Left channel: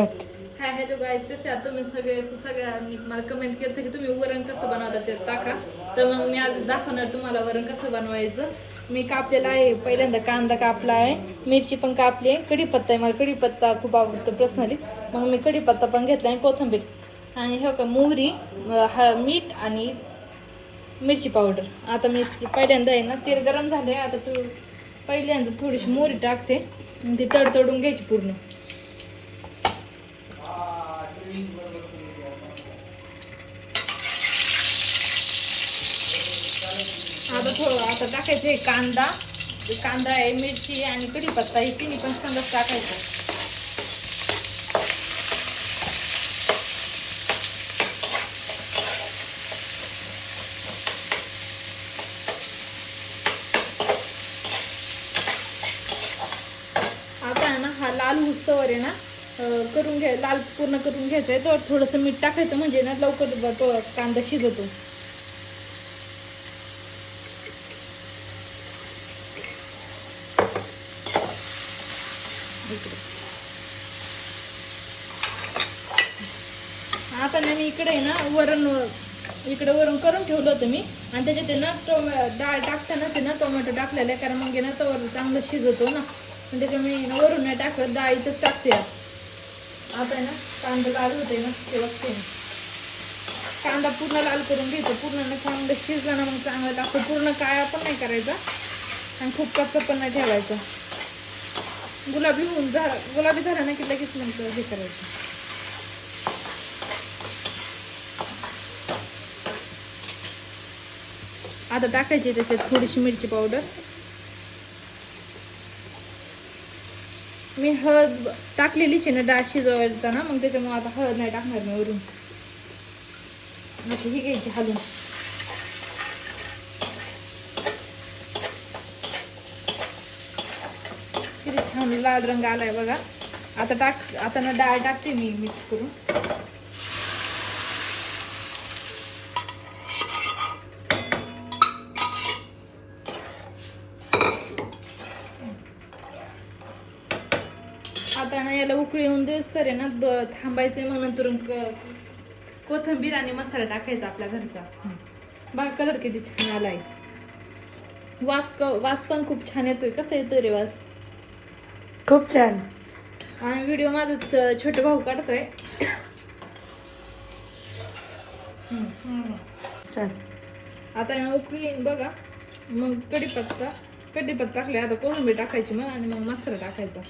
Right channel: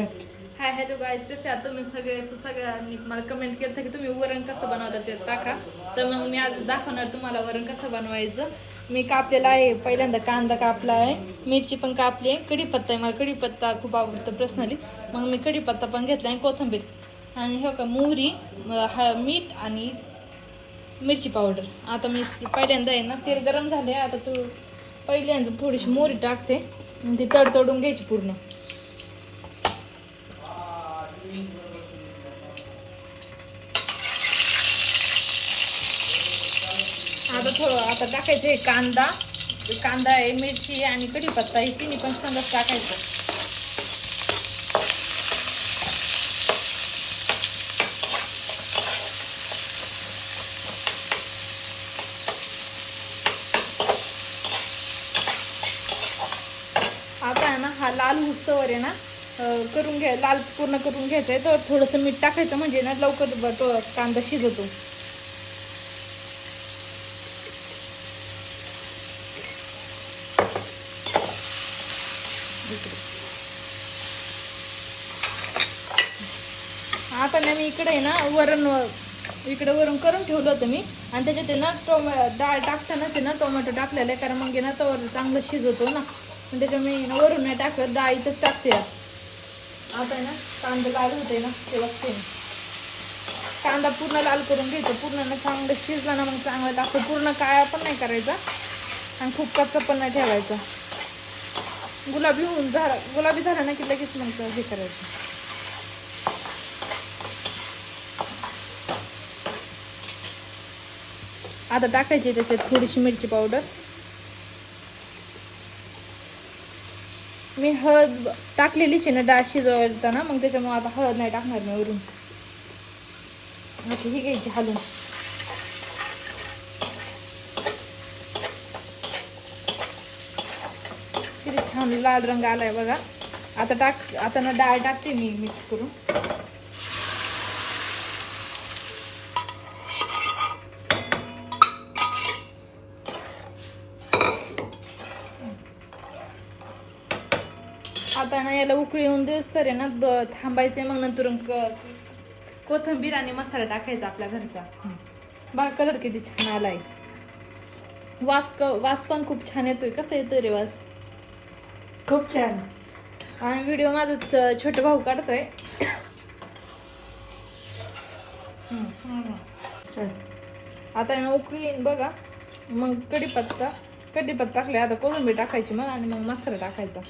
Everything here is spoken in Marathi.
हाय हॅलो गाईज, कसे आहात तुम्ही सगळे? सगळ्यांनी मला कमेंट केलं की तुम्ही वरण कसं बनवता ते टाका. तर मग मी आज दाखवणार तुम्हाला वरण कसं बनवायचं. मी कापलेला आहे, पहिल्यांदा कांदा कापला आहे, मिरची पण कापली आहे, कढीपत्ता आहे, मला कढीपत्ता खूप आवडतो पर्सनली. मग मी कढीपत्ता पण घेतला आहे, कोथिंबीर आणि हे का मोहरी, मीठ आणि मिरची पावडर. आता मी पहिल्यांदा आहे ना तेल गरम झाले, आता तू पहिल्यांदा थोडीशी मोहरी टाकते, ती तडतडून घ्यायची पूर्ण. आता टाकायचं आहे कांदा आहे, मिरची आणि कढीपत्ता हे तिन्ही पण संगत टाकायचं. आता आहे ना हा लाल हुस्तवर आहे ना करून लाल पूर्ण करून घ्यायचं आहे. तर थोडंसं मीठ टाकायचं म्हणजे ना लवकर तो कांदा शिजतो. आता ना मी इकडे आहे ना वरण करून ठेवलं होतं मी, आणि त्याच्यात ना डाळ टाकताना ते ना टोमॅटो टाकलेलं आहे, कारण मग ना तो चांगलं शिजवतो ना, त्याच्या मी वरून नाही टाकत, डाळीतच टाकते. आता आहे ना कांदा लाल होते ना ते बघते, कांदा पूर्ण लाल करून घ्यायचं, पूर्ण ना चांगलं शिजला ना मग चांगलं लागतं. पूर्ण काळा पण नाही करायचा आणि खूप कच्चा पण नाही ठेवायचा. गुलाबी झाला ना की लगेच मग हे करायचं. आता टाकायची त्याच्यात थोडीशी मिरची पावडर. मी हळद टाकलेलीच आहे ना डाळ शिजवायला ना, मग त्याच्यामुळे आता हळद नाही टाकणार मी वरून. आता ही घ्यायची हलून. किती छान लाल रंग आलाय बघा. आता ना डाळ टाकते मी मिक्स करून. आता ना याला उकळी येऊन देऊस तर आहे ना थांबायचे, मग नंतर कोथिंबीर आणि मसाला टाकायचा आपल्या घरचा. बघा कलर किती छान आलाय. वास पण खूप छान येतोय. कसं येतोय रे वास? खूप छान. आणि व्हिडिओ माझा छोटा भाऊ काढतोय. आता ना उकळी येईन बघा, मग कढीपत्ता टाकले, आता कोथिंबीर टाकायची मग, आणि मग मसाला टाकायचा.